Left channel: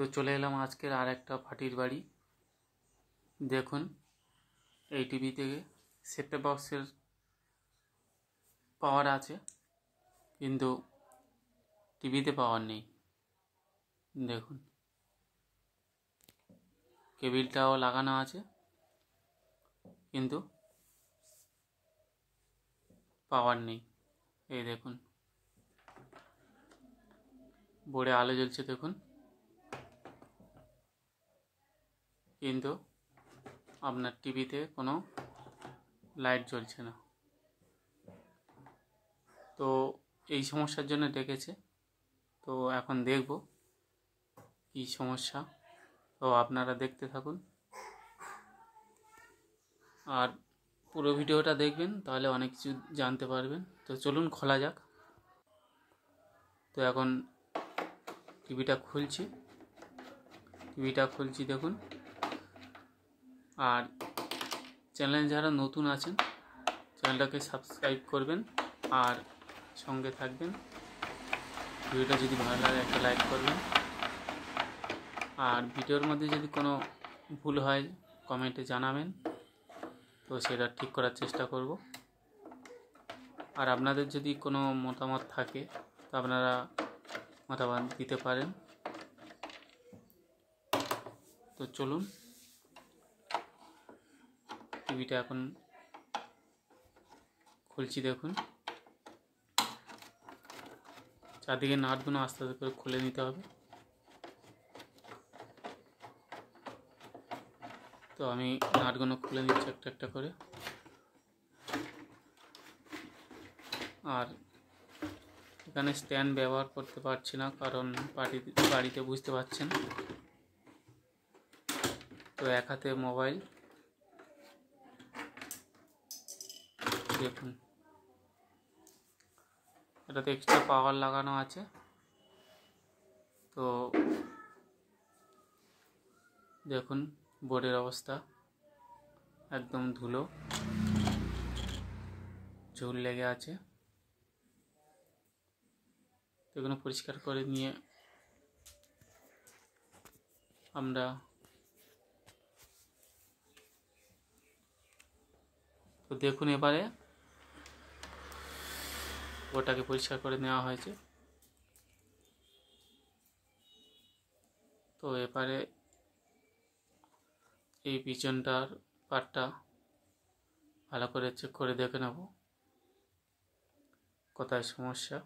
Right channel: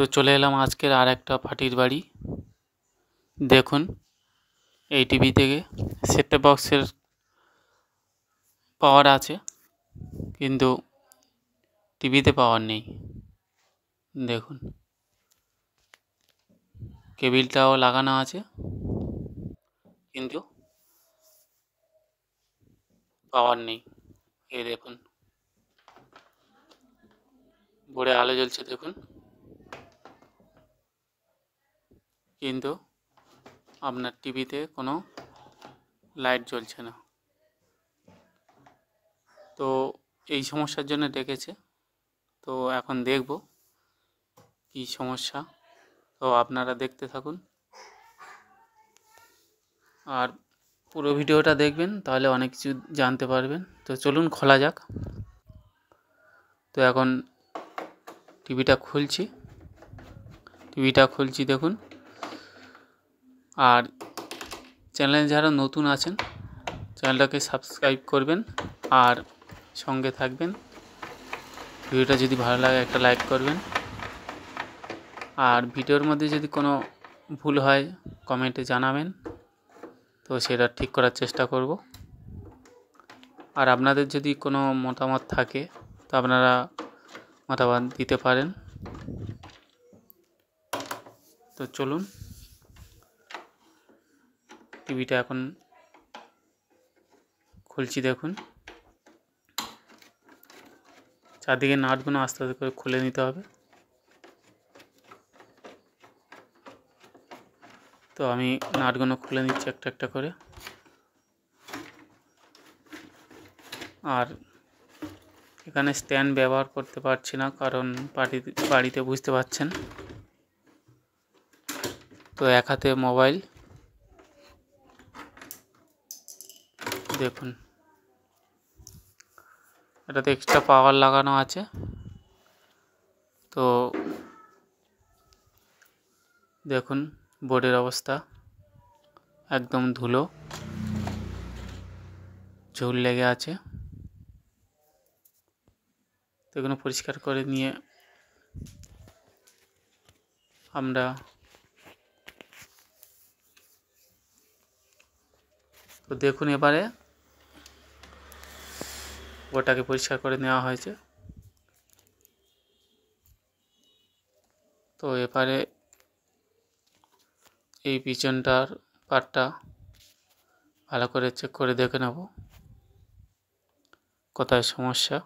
তো চলে এলাম আজকের আর একটা পার্টির বাড়ি। দেখুন, এই টিভি থেকে সেটটপ বক্সের পাওয়ার আছে, কিন্তু টিভিতে পাওয়ার নেই। দেখুন, কেবিলটাও লাগানো আছে, কিন্তু পাওয়ার নেই। এই দেখুন, বোর্ডে আলো জ্বলছে দেখুন, কিন্তু আপনার টিভিতে কোনো লাইট জ্বলছে না। তো এই সমস্যার জন্য ডেকেছে। তো এখন দেখব কী সমস্যা। তো আপনারা দেখতে থাকুন আর পুরো ভিডিওটা দেখবেন, তাহলে অনেক কিছু জানতে পারবেন। তো চলুন খোলা যাক। তো এখন টিভিটা খুলছি দেখুন। আর চ্যানেলে যারা নতুন আছেন, চ্যানেলটাকে সাবস্ক্রাইব করবেন আর সঙ্গে থাকবেন। ভিডিওটা যদি ভালো লাগে একটা লাইক করবেন, আর ভিডিওর মধ্যে যদি কোনো ভুল হয় কমেন্টে জানাবেন, তো সেটা ঠিক করার চেষ্টা করব। আর আপনাদের যদি কোনো মতামত থাকে তো আপনারা মতামত দিতে পারেন। তো চলুন, টিভিটা এখন খুলছি দেখুন। চারদিকে নাটগুলো আস্তে আস্তে করে খুলে নিতে হবে। তো আমি নাটগুলো খুলে নিচ্ছি একটা একটা করে। আর এখানে স্ট্যান্ড ব্যবহার করতে পারছি না, কারণ বাড়িতে বুঝতে পারছেন। তো এক হাতে মোবাইল, দেখুন এটাতে এক্সট্রা পাওয়ার লাগানো আছে। তো দেখুন বোর্ডের অবস্থা, একদম ধুলো ঝুল লেগে আছে। তো এগুলো পরিষ্কার করে নিয়ে আমরা তো দেখুন এবারে ওটাকে পরিষ্কার করে নেওয়া হয়েছে। তো এবারে এই পিছনটার পার্টটা ভালো করে চেক করে দেখে নেব কোথায় সমস্যা।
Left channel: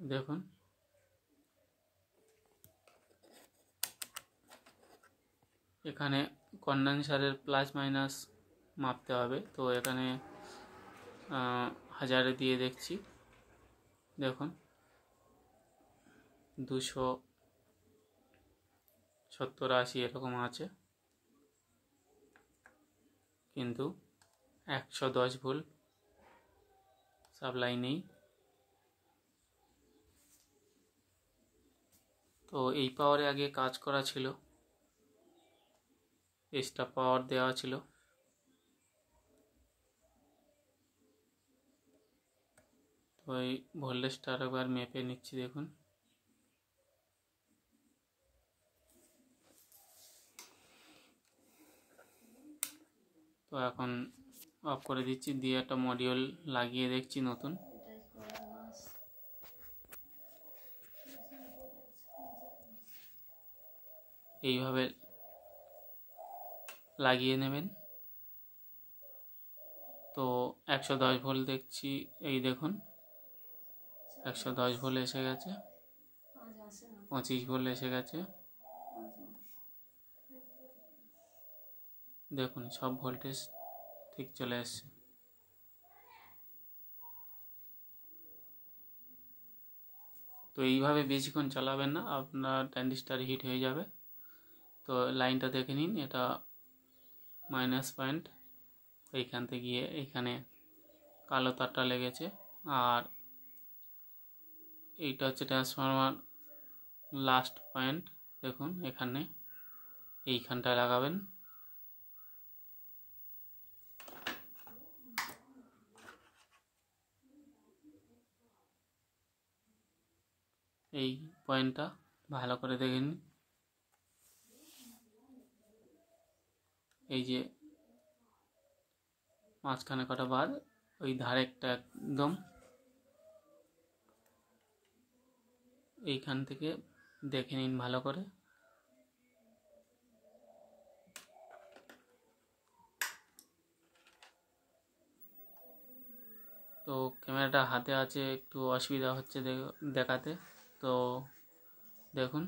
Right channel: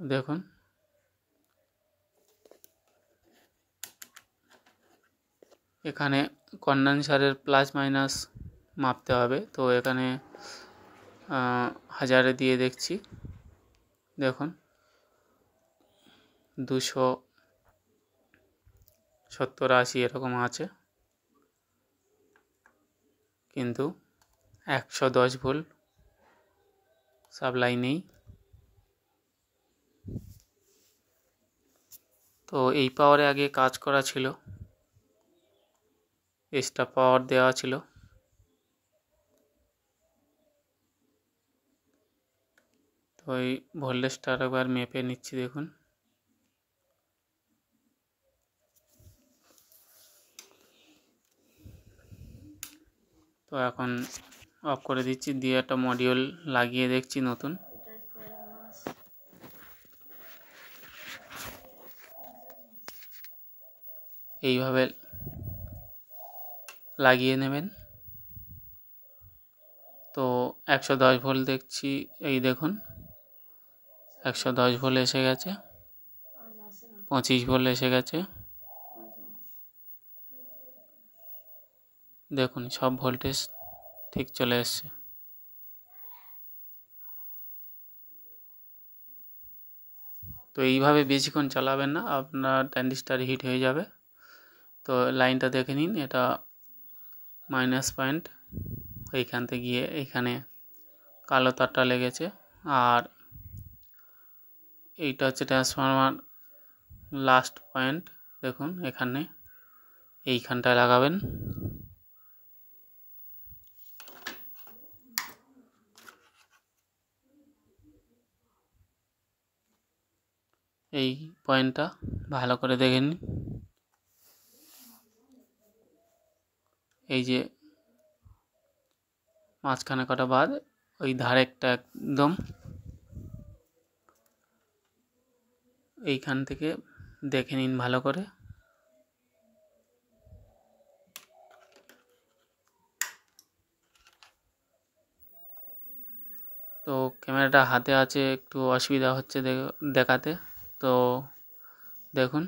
দেখুন, এখানে কন্ডেন্সারের প্লাস মাইনাস মাপতে হবে। তো এখানে 1000 দিয়ে দেখছি, দেখুন 270-80 এরকম আছে, কিন্তু 110 ভোল্ট সাপ্লাই নেই। তো এই পাওয়ারে আগে কাজ করা ছিল, এক্সট্রা পাওয়ার দেওয়া ছিল। তো এই ভোল্টেজটা একবার মেপে নিচ্ছি দেখুন। তো এখন অফ করে দিচ্ছি, দিয়ে একটা মডিউল লাগিয়ে দেখছি নতুন। এইভাবে লাগিয়ে নেবেন। তো 110 ভোল্ট দেখছি, এই দেখুন 110 ভোল্ট এসে গেছে, 25 ভোল্ট এসে গেছে। দেখুন সব ভোল্টেজ ঠিক চলে এসছে। তো এইভাবে বেশিক্ষণ চালাবেন না, আপনার ট্রানজিস্টার হিট হয়ে যাবে। তো লাইনটা দেখে নিন, এটা মাইনাস পয়েন্ট, এইখান থেকে গিয়ে এইখানে কালো তারটা লেগেছে। আর এইটা হচ্ছে ট্রান্সফরমার লাস্ট পয়েন্ট, দেখুন এখানে এইখানটায় লাগাবেন। এই পয়েন্টটা ভালো করে দেখে নিন। এই যে মাঝখানে কটা বাদ, ওই ধারেরটা একদম এইখান থেকে দেখে নিন ভালো করে। তো ক্যামেরাটা হাতে আছে, একটু অসুবিধা হচ্ছে দেখাতে। তো দেখুন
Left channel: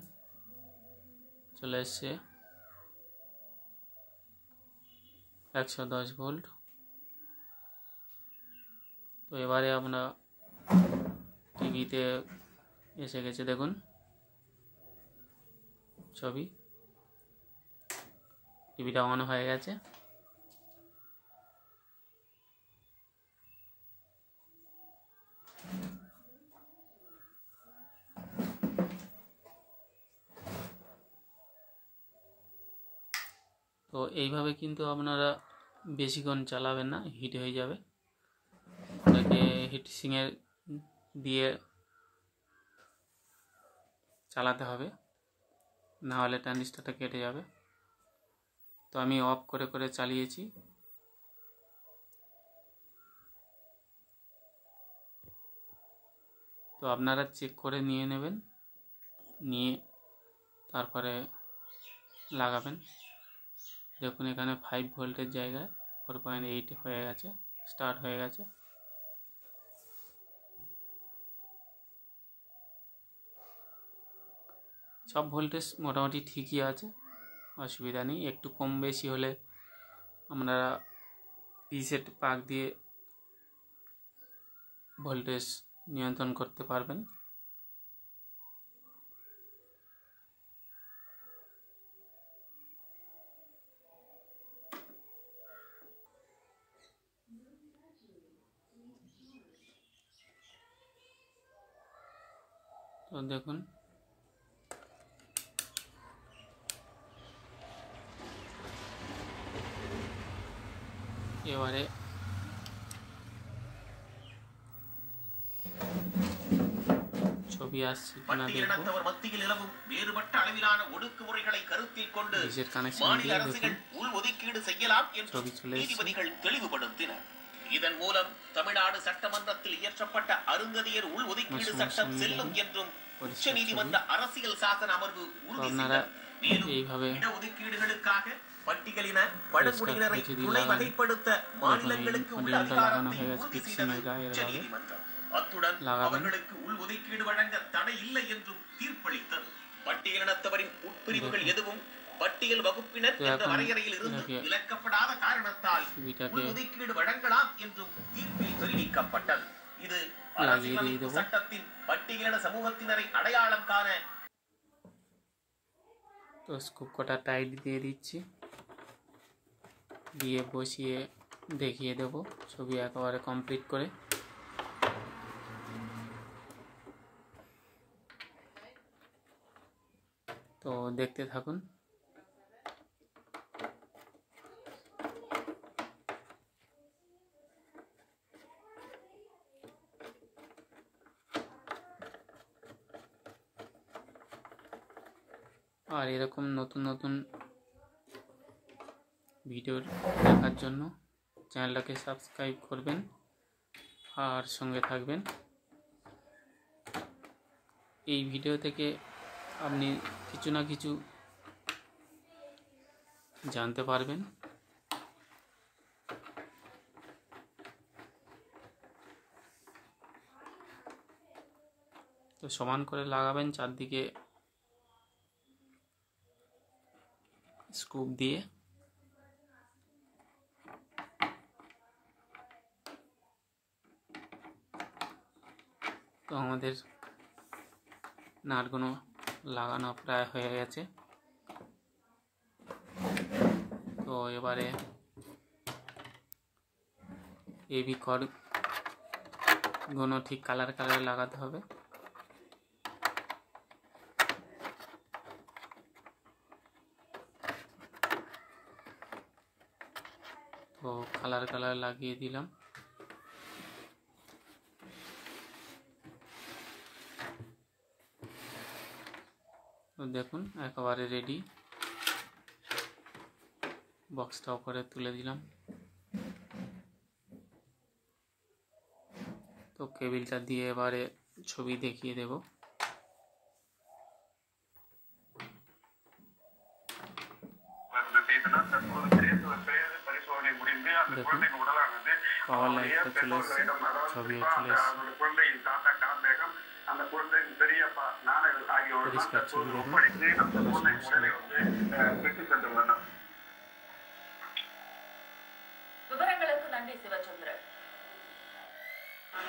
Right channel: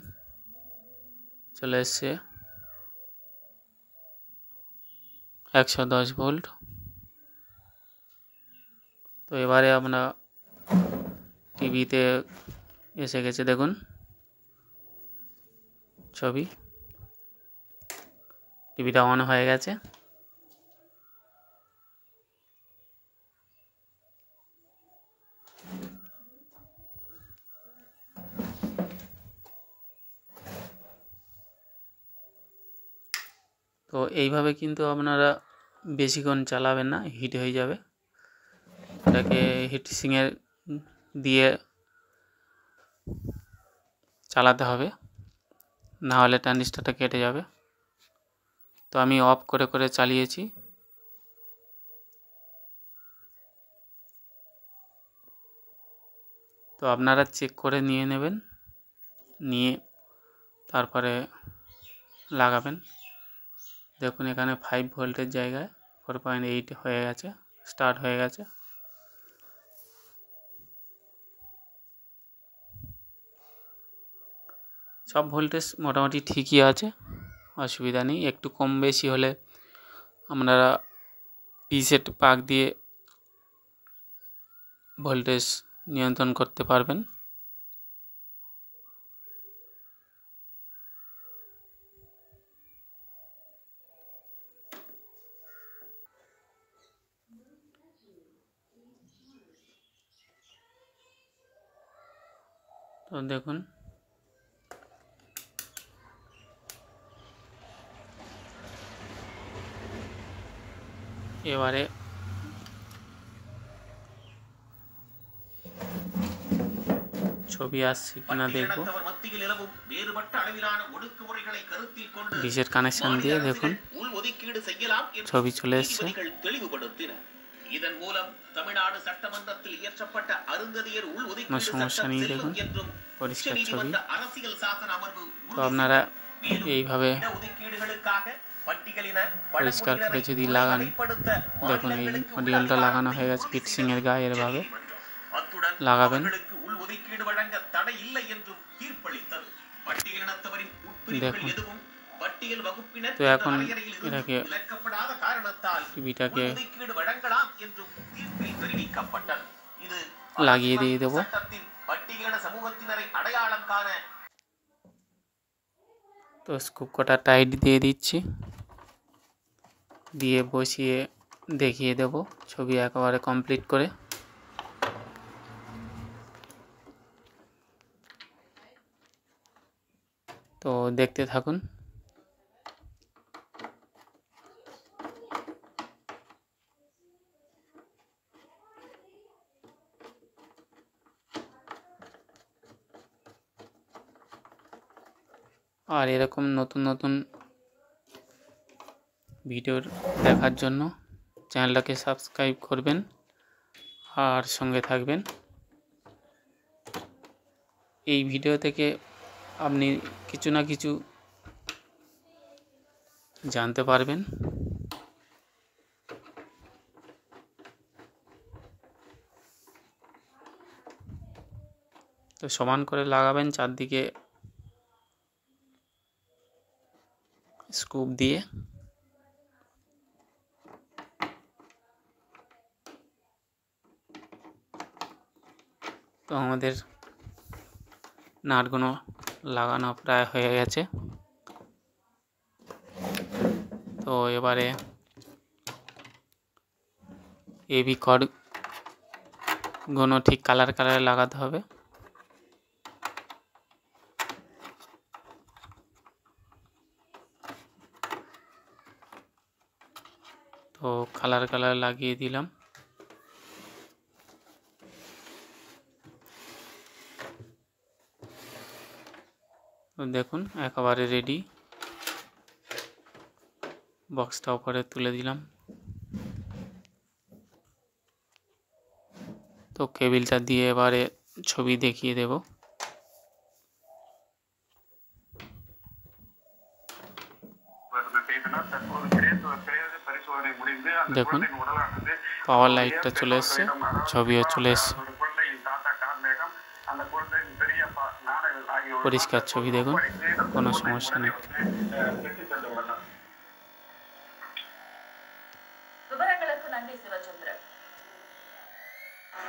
চলে এসছে 110 ভোল্ট। তো এবারে আমরা টিভিতে এসে গেছে, দেখুন ছবি, টিভিটা অন হয়ে গেছে। তো এইভাবে কিন্তু আপনারা বেশিক্ষণ চালাবেন না, হিট হয়ে যাবে। এটাকে হিটসিংয়ের দিয়ে চালাতে হবে, না হলে ট্রানজিস্টরটা কেটে যাবে। তো আমি অফ করে করে চালিয়েছি। তো আপনারা চেক করে নিয়ে নেবেন, নিয়ে তারপরে লাগাবেন। দেখুন এখানে 5 ভোল্টের জায়গায় 4.8 হয়ে গেছে, স্টার্ট হয়ে গেছে। সব ভোল্টেজ মোটামুটি ঠিকই আছে, অসুবিধা নেই। একটু কম বেশি হলে আপনারা রিসেট পাক দিয়ে ভোল্টেজ নিয়ন্ত্রণ করতে পারবেন। তো দেখুন এবারে ছবি আসছে কিনা দেখব। ডিশের কানেকশন দিয়ে দেখুন ছবি চলে এসছে। இதன் மூலம் தமிழ்நாடு சட்டமன்றத்தில் இயற்றப்பட்ட அருந்ததியர் உள் ஒதுக்கீடு சட்டம் செல்லும் என்றும் உச்சநீதிமன்ற அரசியல் சாசன அமர்வு আপনারা এইভাবে পরিষ্কার করে যদি লাগান, দেখুন এই মডিউলটা লাগানো হয়ে গেছে হিটসিং এর গায়ে, এভাবে লাগাবেন। দেখুন তো এখন এটাকে টিভিটাকে লাগিয়ে দিয়ে দেবো। তো স্কুপ কটা টাইট দিয়ে দিচ্ছি, দিয়ে বসিয়ে দেখিয়ে দেব ছবি একেবারে কমপ্লিট করে। তো দেখতে থাকুন। আর এরকম নতুন নতুন ভিডিও দেখার জন্য চ্যানেলটাকে সাবস্ক্রাইব করবেন আর সঙ্গে থাকবেন। এই ভিডিও থেকে আপনি কিছু না কিছু জানতে পারবেন। তো সমান করে লাগাবেন চারদিকে স্কুপ দিয়ে। তো আমাদের নাটগুলো লাগানো প্রায় হয়ে গেছে। তো এবারে এবি কর্ডগুলো ঠিক কালারে লাগাতে হবে। তো কালার লাগিয়ে দিলাম। তো দেখুন একেবারে রেডি। বক্সটা উপরে তুলে দিলাম। তো কেবিলটা দিয়ে এবারে ছবি দেখিয়ে দেব। দেখুন পাওয়ার লাইটটা চলে এসছে, ছবিও চলে এসছে, পরিষ্কার ছবি দেখুন, কোনো সমস্যা নেই।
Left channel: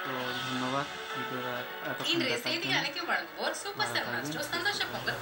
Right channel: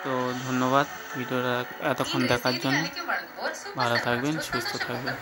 তো ধন্যবাদ ভিডিওটা এতক্ষণ দেখার জন্য। ভালো থাকবেন, সুস্থ থাকবেন।